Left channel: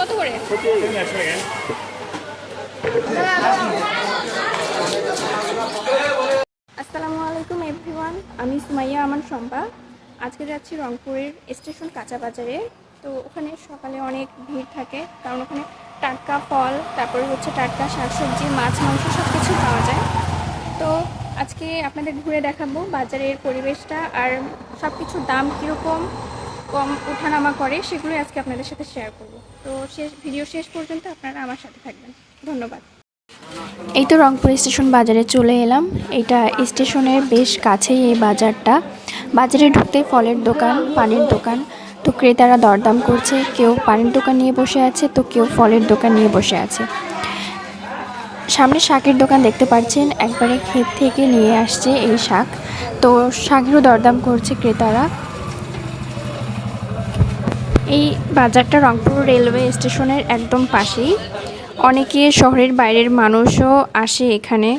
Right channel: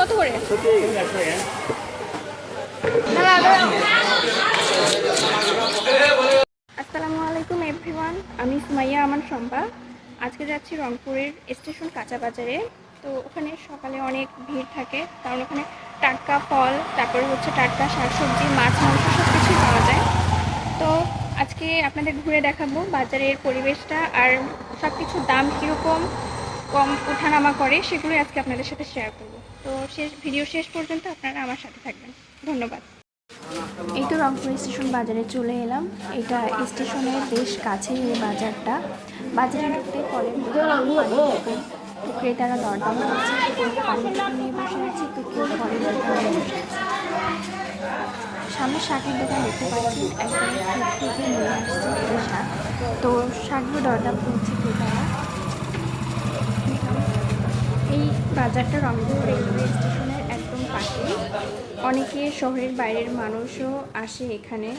কত করে? আসসালামু আলাইকুম এভরিওয়ান, আমি সুমাইয়া আমান শম্পা। আজকে যাচ্ছি রংপুরের স্টেশন কাঁচা বাজারে। তো ওখানে সকালে অনেক ভিড় থাকে, কারণ ওখানে টাটকা ফল, তারপরে হচ্ছে টাটকা শাকসবজি, মাছ, মাংস সব কিছুই পাওয়া যায়। তো আজকে আপনাদের ঘুরে দেখাবো বাজারের পরিবেশটা, আর সব কিছুর দাম কীরকম কম ওঠানামা করে সেগুলোই আজকে আপনাদের সাথে শেয়ার করব। তো ভিডিও শেষ পর্যন্ত আপনারা আমার সাথে থাকবেন। ধন্যবাদ। এই তো রংপুর স্টেশন বাজারে চলে এলাম। এটা স্টেশনের বেশ কাছেই এই বাজারটা। বাজারে ঢুকতে ফলের দোকান, পানির দোকান। তো ক্রেতারা দরদাম করছে, কেউ পানির দোকান নিয়ে বসে আছে, তো কেউ ফলের দোকান নিয়ে বসে আছে। সামনে শাকের দোকান দেখতে পাচ্ছেন, একবারে ক্ষেত থেকে নিয়ে আসছে এই শাক। তো শাকেরও দরদাম করছে ক্রেতারা। এই বাজারটা রংপুর রেলওয়ে স্টেশনের একদম পাশেই। অনেকে শহরের বাইরের মানুষও আসে এখানে,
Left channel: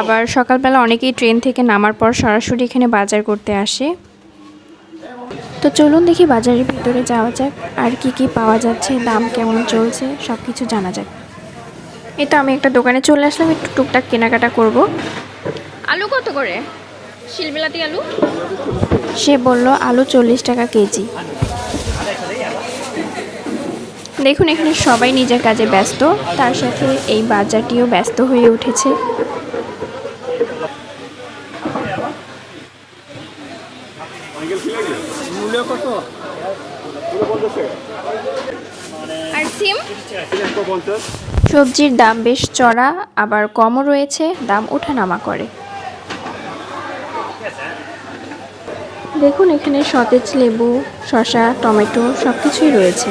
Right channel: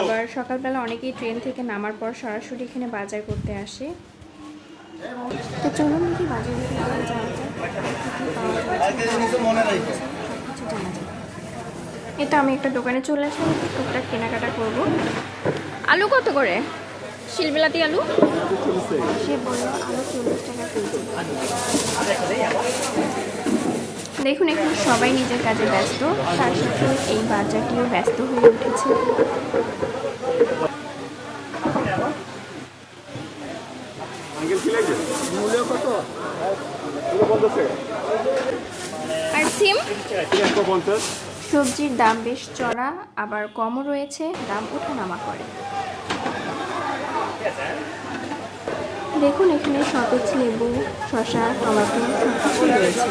আবার সকালবেলা অনেকেই ট্রেন থেকে নামার পর সরাসরি এখানে বাজার করতে আসে। তো চলুন দেখি বাজারের ভিতরে যাওয়া যাক, আর কি কি পাওয়া যাচ্ছে, দাম কেমন চলছে, সব কিছু জানা যাক। এই তো আমি একটা দোকানে চলে আসলাম, একটু টুকটাক কেনাকাটা করব। আলু কত করে? শিলবিলাতি আলু? সে বলল আলু 40 টাকা কেজি। দেখুন এখানে সবাই নিজের কাজে ব্যস্ত, তার সাথে এই বাজারটিও ব্যস্ত হয়ে উঠেছে। আর সিম? সবজির দাম বেশ চড়া, আবার কমও রয়েছে, দাম ওঠানামা করে। দেখুন এখানে সতেজ লেবু, শসা, টমেটো সব কিছুই রয়েছে।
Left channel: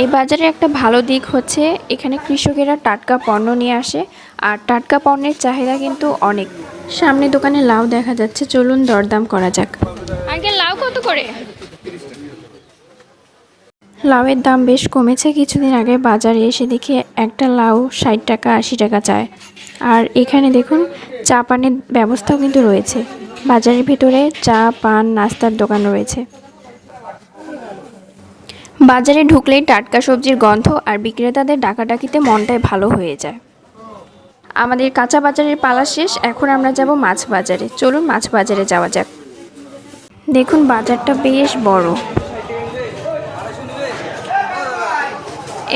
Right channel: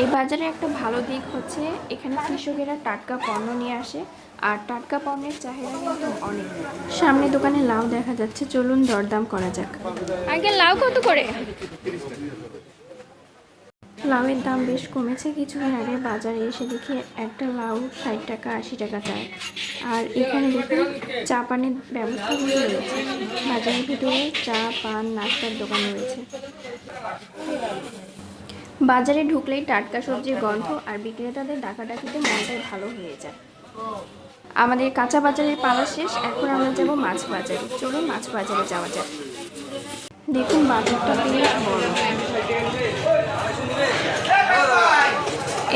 এই বাজারে একটা ভালো দিক হচ্ছে এখানে কৃষকেরা টাটকা পণ্য নিয়ে আসে, আর টাটকা পণ্যের চাহিদা কিন্তু অনেক। সামনে দোকানে লাউ দেখা যাচ্ছে, চলুন দরদাম করা যাক। আগে লাউ কত করে? লাউয়ের দাম বেশ কমেছে। কিছুদিন আগে বাজারে এসে দেখি একটা লাউ 60 টাকা 80 টাকা চায়। আর এখানে দেখুন চা পানের ব্যবস্থাও কিন্তু রয়েছে। বাজারের ভিতরে চা, পান, নাস্তার দোকান রয়েছে। বাজারে ঢুকলেই টাটকা সবজির গন্ধ আর বিক্রেতাদের ডাকাডাকিতে মনটাই ভালো হয়ে যায়। আমাদের কাঁচা বাজারের পালা শেষ, এখন আমরা যাব মাছ বাজারে। চলুন মাছ বাজারে যাওয়া যাক। দেখুন বাজারটা বেশ বড়।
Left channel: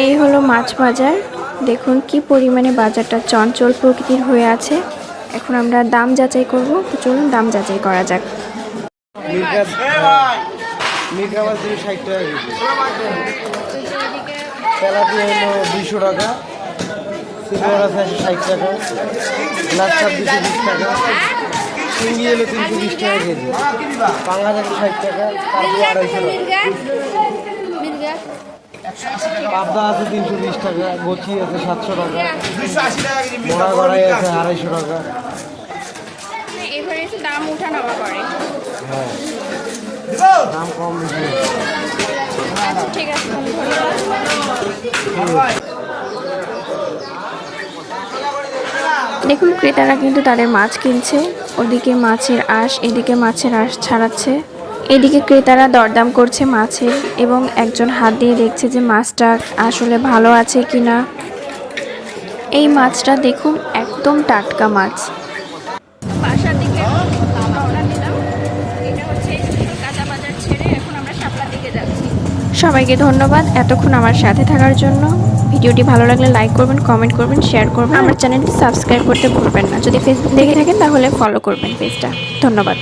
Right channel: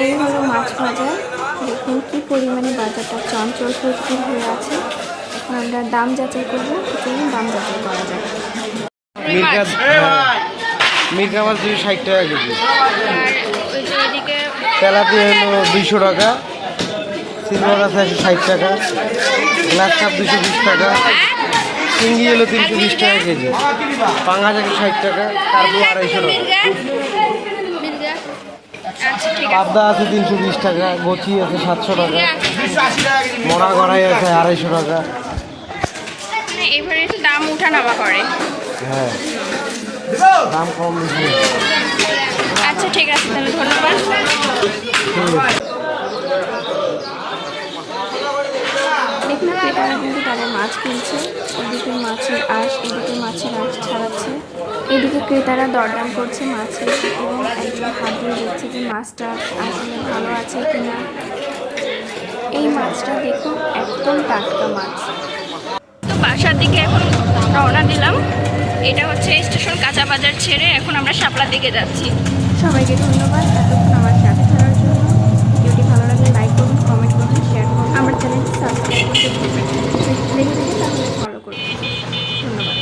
এই হলো মাছ বাজার। দেখুন কি পরিমাণে বাজারটা চঞ্চল প্রকৃতির হয়ে আছে। এখন আমরা দাম যাচাই করব, তো চলুন দাম যাচাই করা যাক। মির্গা মাছ 260 টাকা কেজি, তেলাপিয়া হলো 200 টাকা, সিলভার মাছ 160 টাকা, গ্লাস কাপ 220 টাকা, চিংড়ি হলো 320 টাকা কেজি, পাঙ্গাস 160 টাকা, কার্পু 250 টাকা, আবদা আছে 320 টাকা, গছি আছে 700 টাকা, মরা গড়াই আছে 250 টাকা। এভারেজ দাম ওঠানামা করে। হ্যাঁ, দাম কম বেশি। আচ্ছা ঠিক আছে, তাহলে ধন্যবাদ। দেখুন ক্রেতারা কিন্তু তাদের মাছ কিনছে, ওদিকে মাছের আঁশ, এদিকে মাছের আঁশ ছাড়াচ্ছে। এদিকে ক্রেতারা দরদাম করছে মাছের, এবং একজন হাত দিয়ে দেখছে যে মাছটা আসলে ভালো আছে কিনা। এই মাছটা দেখুন একদম টাটকা মাছ। তো বাসার দিকে এখন রওনা দিলাম। এটা হচ্ছে স্টেশন কাঁচা বাজার ছেড়ে এখন আমরা শাপলার দিকে যাচ্ছি। সবাইকে ধন্যবাদ এতক্ষণ আমার সাথে থাকার জন্য। ভিডিওটি ভালো লাগলে লাইক করবেন, কমেন্ট করবেন, শেয়ার করবেন। আমার চ্যানেলটি সাবস্ক্রাইব করতে ভুলবেন না। যদি ফেসবুক দেখে থাকেন তাহলে ফলো করবেন পেজটা। ধন্যবাদ।